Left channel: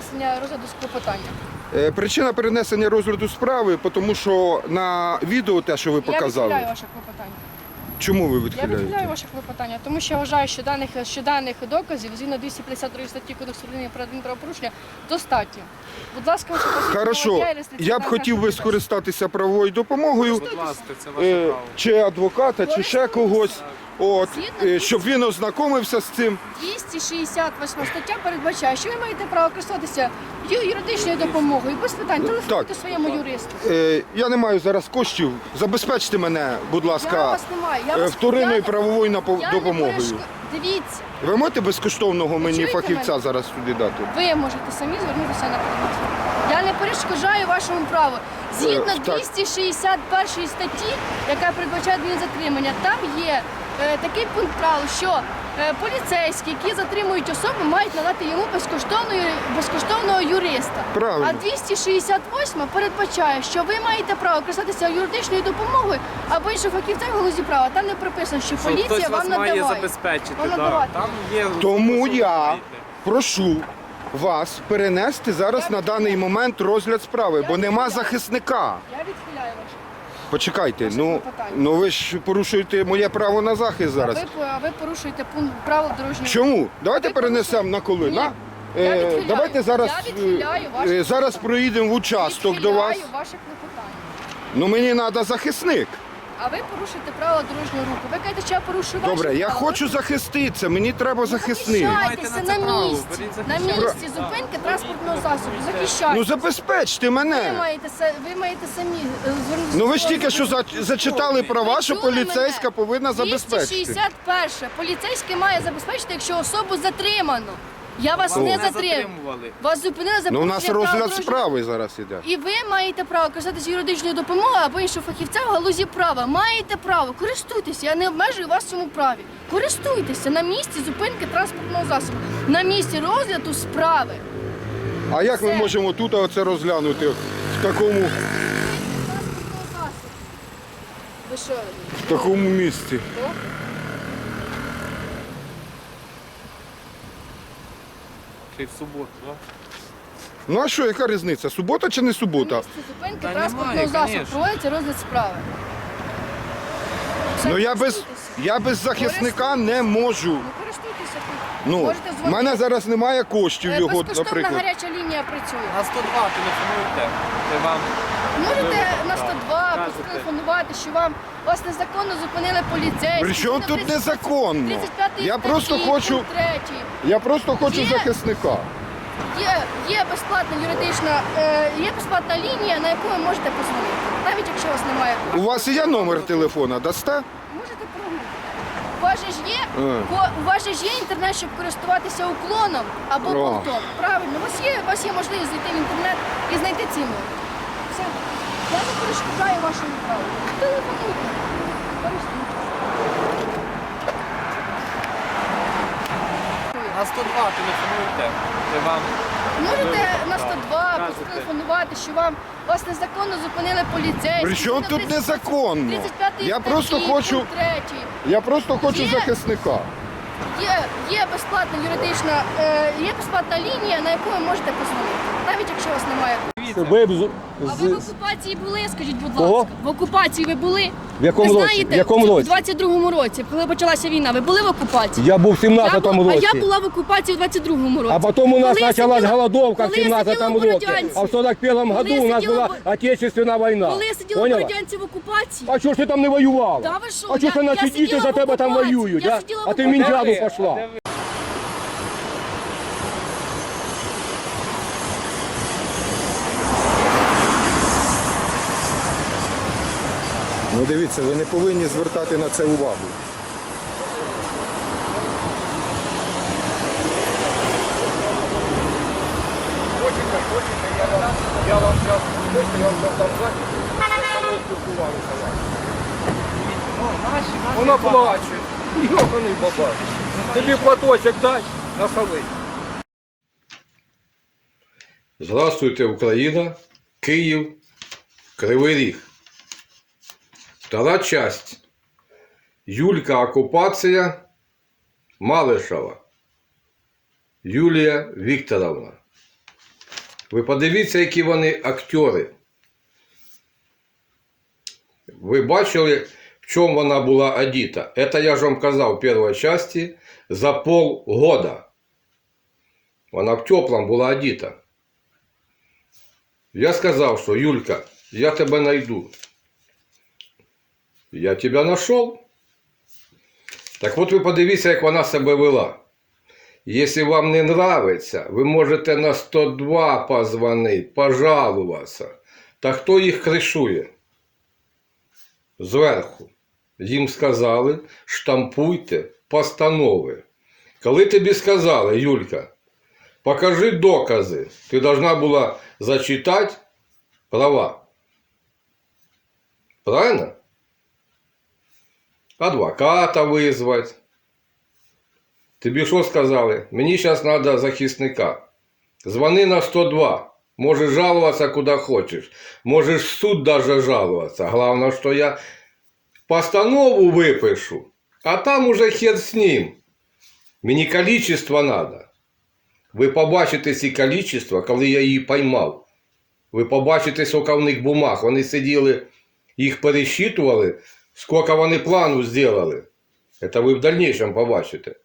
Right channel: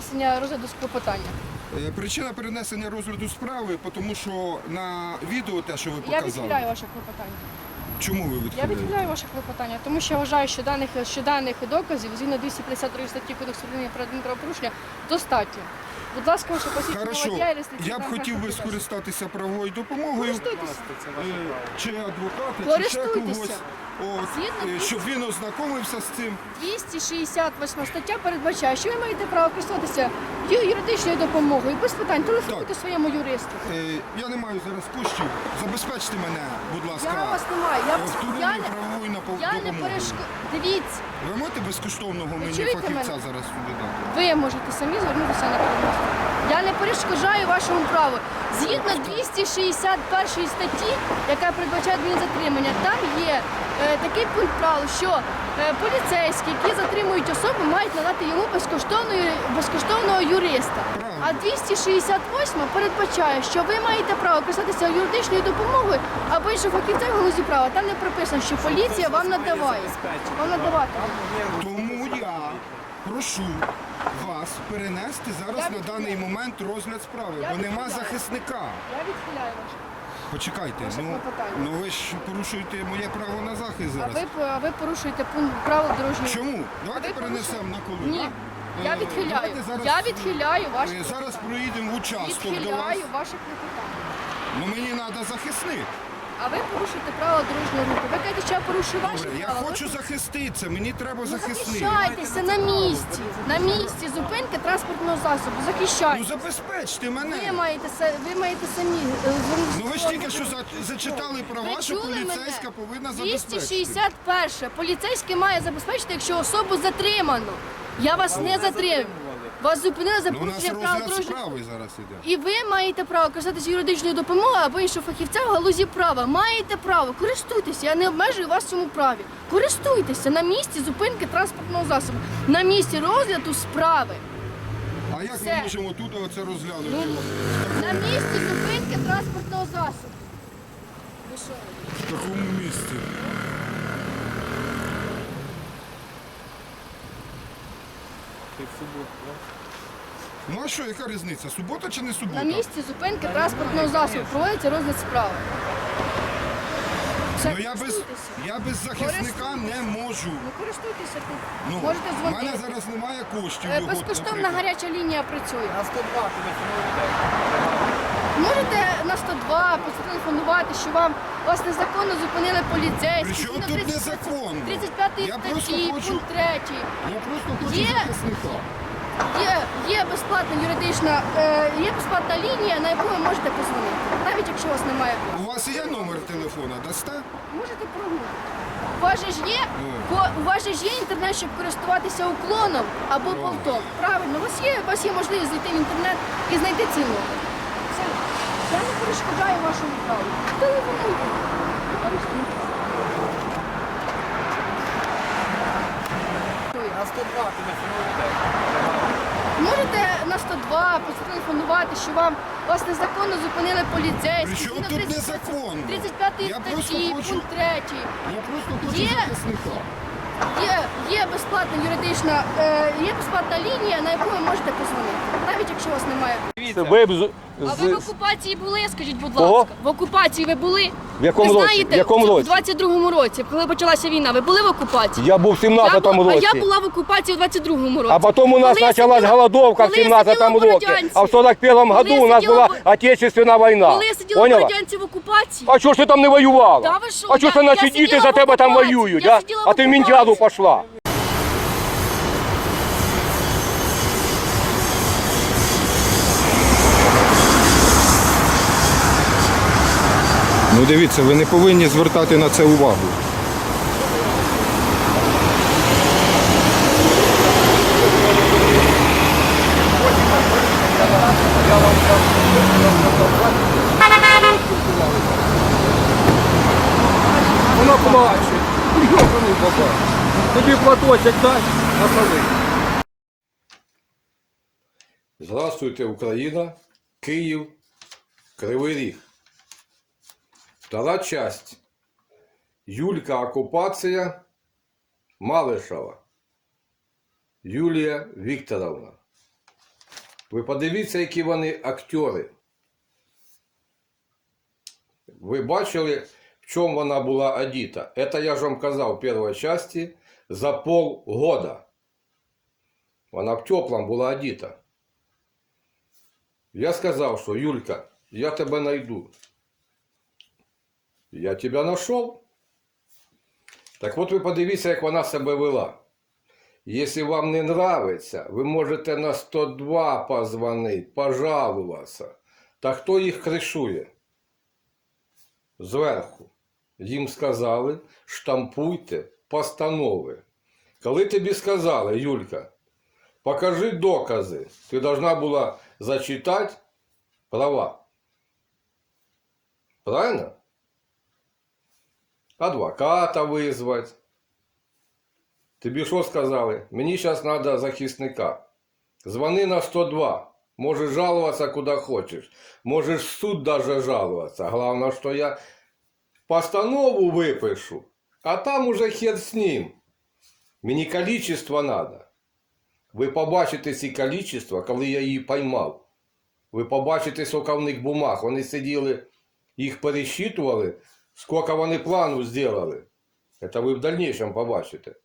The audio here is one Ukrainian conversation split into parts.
перенесення розгляду клопотання. Е, Причина перенесення розгляду справи, тому що на відео те, що ви Я показали. відхиляю ваше клопотання. Чому ви Я відхиляєте? відхиляю ваше клопотання, тому що я вважаю, що даних, що даних доказів згідно 252 статті Кодексу України про адмінправопорушення достатньо. Будь ласка, ваше посвідчення Хорошо, водія я б хотів би скористатися правовою допомогою, Будь ласка, це ваше е, право. чи адвоката, чи ще когось, от, Згідно е, щоб він ознакомився з цим. 268 стаття передбачає, що ви маєте право користуватися юридичною допомогою без питань. Телефонуйте Так. своєму юристу. Е, Я не маю зараз коштів. Забезпечте мене, будь Я ласка, вас не маю. Я е, вас вторинною я, не- правовою напо- я не допомогою. Дивіться, Ви можете безкоштовного мені чуєте фахівця мене? зараз сюди дати? ви можете самі звернутися на передмостя. Я не перешкоджаю вашому праву. Згідно Так. 261 статті, яка передбачає адмінзатримання, там є е, такий пункт правил, що е, поліцейські, які затримують особу, мають надати йому безкоштовної, безкоштовного юриста. Правильно. А 268 передбачає, що ви маєте право користатися юридичною допомогою або іншим фахівцем в галузі права. Там не прописано, що поліція вам надаває. Вам да. надавати. Там є Тому я прошу вас перенести зараз на даний момент розгляд справи, бо нема захисника. Я відхиляю ваше. Почекайте, Ваше ну, клопотання. ну ви ж порушуєте моє право на захист А зараз. ви, а ви порушуєте пункт правил дорожнього Чому? Давайте Ви перенесемо на коли. Ні. на? Я Е, відхиляю. Давайте зараз, Я відхиляю ваше е, зараз клопотання. проїдемо в участок до вас. Відхиляю ваше клопотання. Ну мені треба захисник. А ви порушуєте правила дорожнього руху. Ви кажете, що я порушую ваші Добре, я правила. хочу захиститися, мені треба Ну. Захищайтеся на на місці. На місці зупинки транспортного засобу. Ну Захищайтеся. забезпечте Ви мене. маєте, се- ви маєте самі е, звернутися. Ну ви ж тільки що за- зачитали права, Ви що поліцейська мене? повинна забезпечити. 261. Поліцейський має забезпечити, якщо особу затримано. Я вас не затримували. Вас зупинили за Ну у нас порушення правил розгляд дорожнього справи зараз іде. І ви маєте право користатися юридичною допомогою або іншого фахівця в галузі права. Маєте право, користуйтеся. Я не обмежую вас в цьому праві. Користуйтеся на місці зупинки транспортного засобу, на місці розгляду справи. А як ми Все. можемо тут оце розглянути в На такому, місці зупинки транспортного засобу. Ви що? в такому місці? Ти в суботу, да? Ну а що, яка різниця? Субота чи не На субота? місці зупинки Та транспортного немає, засобу конечно. проводиться розгляд справи. Все, Ну я без користуйтеся. я без захисника не можу. Ну користуйтеся тут. Ну Можете в дзвонити. мене зараз немає коштів Е, його, Безкоштовна наприклад. гаряча лінія працює. На 102 телефонуйте. Це вам. Можете на 102 потелефонувати, що вам вас незаконно зупинили поліцейські. При чому Згідно тут 30 незаконно? 35 Я статті, просто хочу- пункт 3. Я просто хочу Є. захисника. Є, є безплатна юридична, е, є безплатна лінія, на яку ви можете позвонити, навіть якщо у вас немає У вас є номер телефона, дасте? Можете прогуглити. У вас же ж є, Е. ко- у вас же ж є інтернет, щоб користуватися уклоном або О. болтом. Правильно, у вас є, у вас є можливість зайти в інтернет і знайти ці номер. Все. Я не перешкоджаю вашому праву. Телефонуйте. Користуйтесь. На 102 телефонуйте. Це вам. Можете на 102 потелефонувати, що вам вас незаконно зупинили поліцейські. При чому Згідно тут 30 незаконно? 35 Я статті, просто хочу- пункт 3. Я просто хочу Є. захисника. Є, є безплатна юридична, е, є безплатна лінія, на яку ви можете позвонити, навіть якщо у вас немає. Дивіться. Ви б з- А ви в з- окупації були, скажіть, будь Кого? ласка. В окупації ви були? В якому ви році? знаєте, В якому році? В 22-му році, коли почалася війна, ви були в окупації? я був в 17-му бу- році. А я була в окупації в 22-му році. А потом у нас Коли я началась сиділа- голодовка в коли я 17-му в році. Бородянці. А в 41-му Коли году я у нас сиділа була в- Отечественна війна. Коли я сиділа в Поняла? Бородянці в окупації, А чого ж ти там не воювала? Та ви що? А чого Я- ж я наші діти сиділа за в тебе там окупації. воюють? Я а? сиділа в а ти в окупації. Мінтяду пішла. Ну дивіться, ви не повинні звертати на це увагу. Вона плаче. Йоханий баба. Тобі платочок дай на соли. Здравствуйте, Україна, Київ, Кривий Ріг. Втора часть. Юлька окупація Малишева. Юлія Вікторовна. Ви подивіться, які вони актери. Ви бачили, в чому вона була одіта? Это я ж вам казав в першій часті за полгода. Вона в теплому була одіта. Я сказав, що Юлька, я тебе найду. Я тебе знайшов. Так от ви подивіться, як вона себе вела. Якщо вам не нравиться, ви можете на 102 позвонити, пожалуватися. Та хто їх кришує? Зверху. Їм сказали, штампуйте постанови. Коли тобі сказали, Юлька, покажи докази, ти должна була зачитати права. Правильно? Адвоката визвати. Тобі що сказали? Мені зараз треба захисника. Звони на 102. Можеш жалуватися куди хочеш. Можеш в суд даже жалуватися. Головне, що я постанову випишу, а там уже хер з ним. Мені количество треба. Ви побачите ці количества, коли я її поймав. Ви побачите, скільки в них бумаг. Вони сиділи, їх пересчитували, скільки вони плану зробили. Це ви в дальнейшем побачите.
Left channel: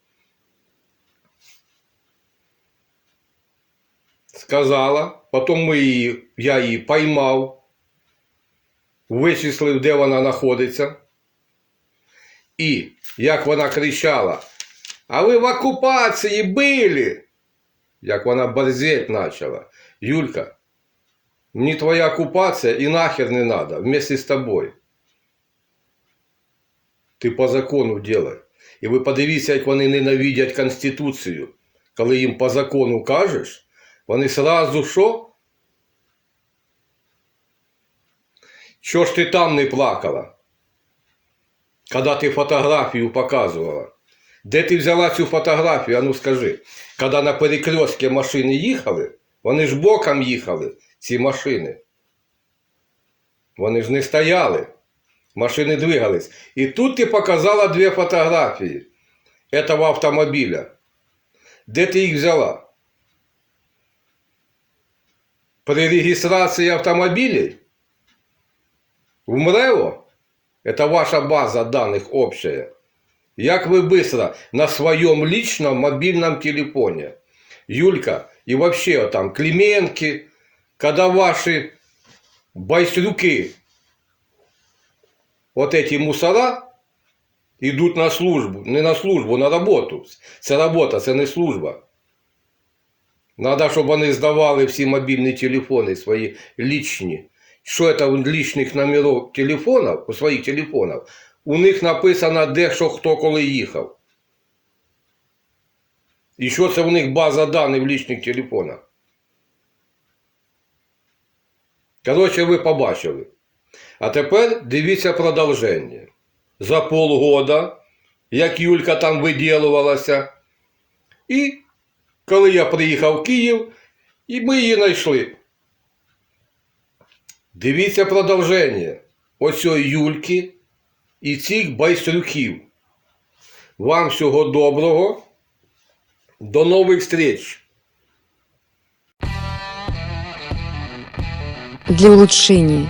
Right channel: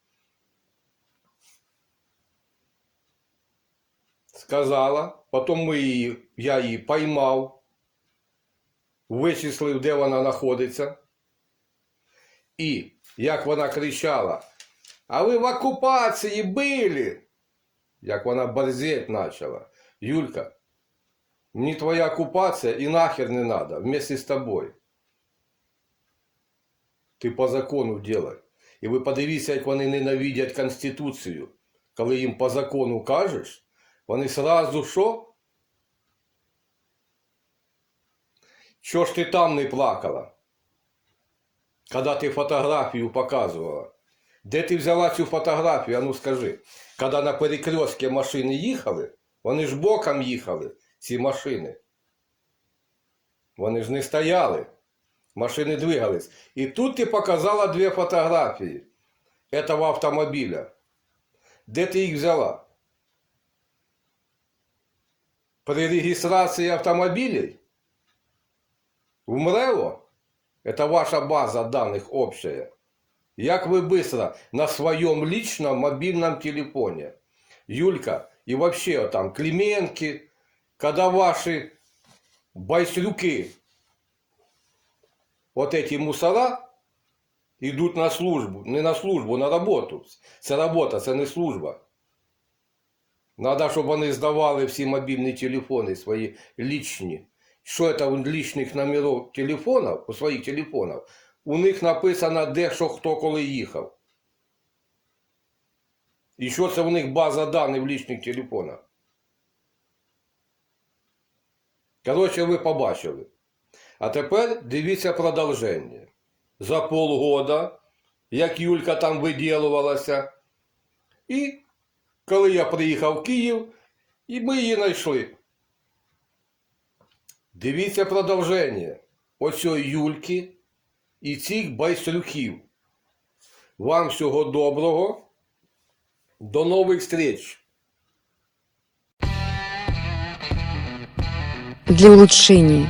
Сказала, потім ми її, я її поймав, вичислив, де вона знаходиться. І як вона кричала, а ви в окупації були, як вона борзеть почала. Юлька, мені твоя окупація і нахер не надо, вместе з тобою. Ти по закону делай. І ви подивіться, як вони ненавидять Конституцію. Коли їм по закону кажеш, вони сразу що? Що ж ти там не плакала? Коли ти фотографію показувала. Де ти взяла цю фотографію? А ну скажи. Коли на перекрестки машини їхали, вони ж боком їхали, ці машини. Вони ж не стояли. Машини двигались. І тут ти показала дві фотографії этого автомобіля. Де ти їх взяла? При реєстрації автомобілів в МРЕО, это ваша база данных общая, як ви быстро на своем личном мобильном телефоне, Юлька, и вообще там Клименки, когда ваши байстрюки, вот эти мусора, идут на службу, не на службу, на роботу. Це робота, це не служба. Надо, щоб вони здавали всі мобільні телефони свої лічні. Що це у лічних номерів телефонів, у своїх телефонів, у них написано, де що хто коли їхав. І що це у них база даних в лічних телефонах. Коротше, ви побачили. А тепер дивіться продовження. За полгода, як Юлька там виділувалася. І коли я приїхав в Київ, і ми її знайшли. Дивіться продовження. Оцьої Юльки і цих байстрюків. Вам всього доброго. До нових встреч! для улучшения